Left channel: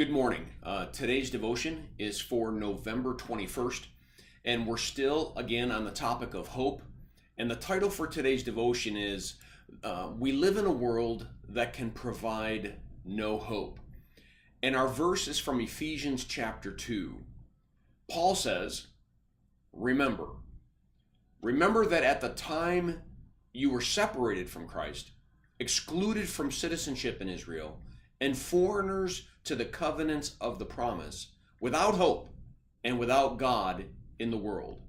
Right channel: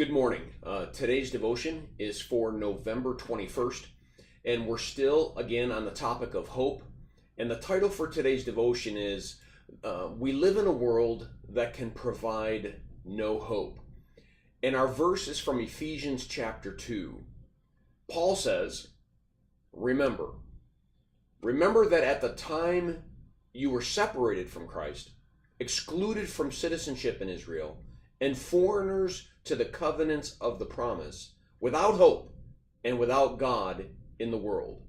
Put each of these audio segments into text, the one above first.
Good morning. Today's devotion is for November 21st, and we're still again on the topic of hope. And the title for today's devotion is We Live in a World That Can Provide No Hope. And our verse is from Ephesians chapter 2. Paul says, Remember that at the time you were separated from Christ, excluded from citizenship in Israel, and foreigners to the covenants of the promise, without hope and without God in the world.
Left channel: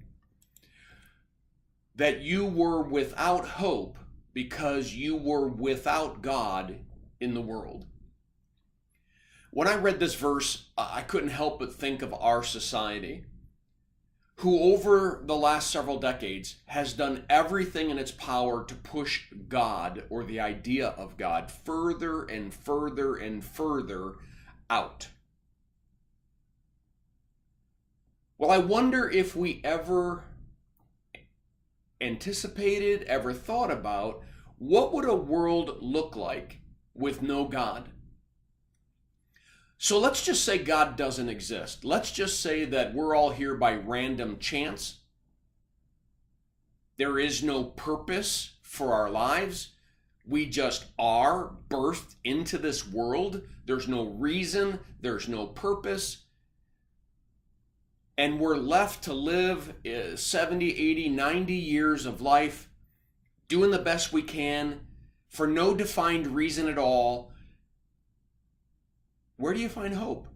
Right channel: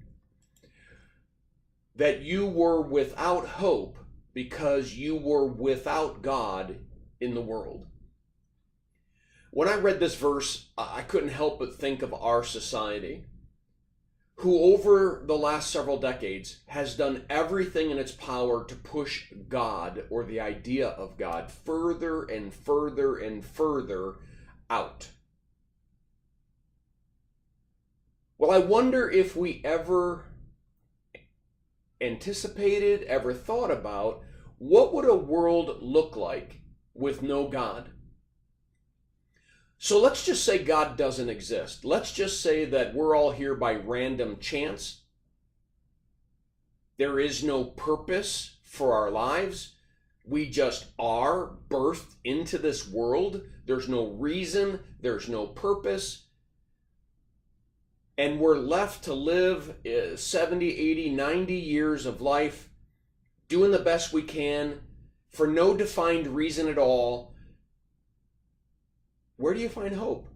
That you were without hope because you were without God in the world. When I read this verse, I couldn't help but think of our society, who over the last several decades has done everything in its power to push God, or the idea of God, further and further and further out. Well, I wonder if we ever anticipated, ever thought about, what would a world look like with no God? So let's just say God doesn't exist. Let's just say that we're all here by random chance. There is no purpose for our lives. We just are birthed into this world. There's no reason. There's no purpose. And we're left to live 70, 80, 90 years of life doing the best we can for no defined reason at all. Where do you find hope?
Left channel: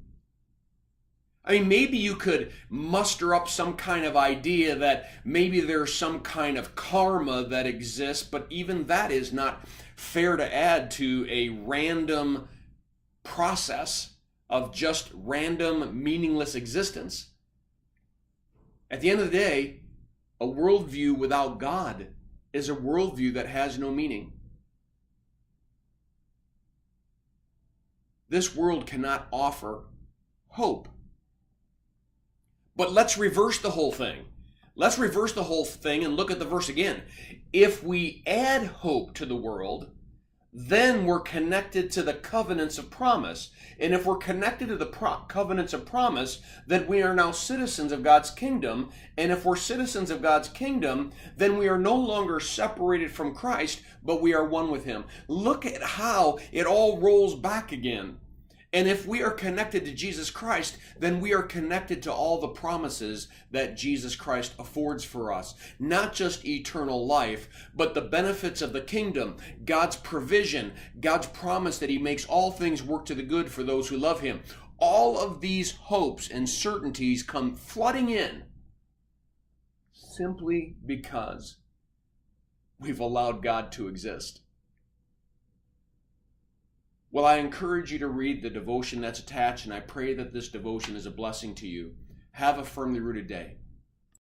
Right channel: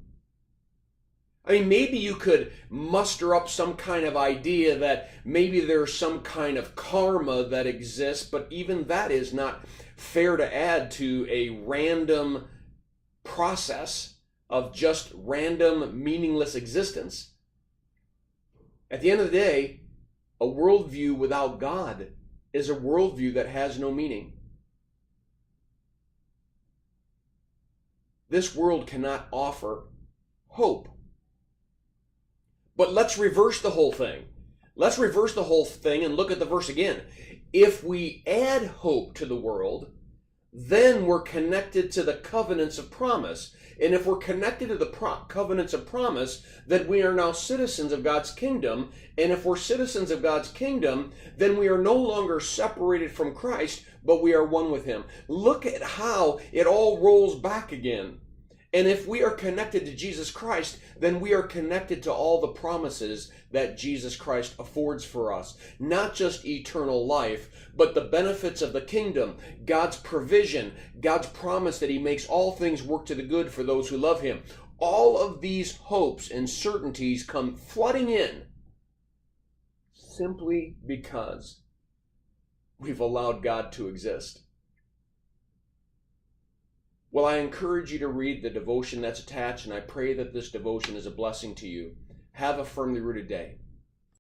I mean, maybe you could muster up some kind of idea that maybe there's some kind of karma that exists, but even that is not fair to add to a random process of just random, meaningless existence. At the end of the day, a worldview without God is a worldview that has no meaning. This world cannot offer hope. But let's reverse the whole thing. Let's reverse the whole thing and look at the verse again. If we add hope to the world, then we're connected to the covenants of promise. And if we're connected to the covenants of promise, then we are now citizens of God's kingdom. And if we're citizens of God's kingdom, then we are no longer separated from Christ, but we are one with Him. Look at how it all rolls back again. And if we are connected to Jesus Christ, then we are connected to all the promises that Jesus Christ affords for us. Not just eternal life, but the benefits of the kingdom, God's provision, God's promise that He makes all things work to the good for those who love Him. All of these hopes and certainties come flooding in simply because we've allowed God to exist. Well, I encourage you to read the devotion that's attached, and I pray that this devotion is a blessing to you. Have a firmly rooted day.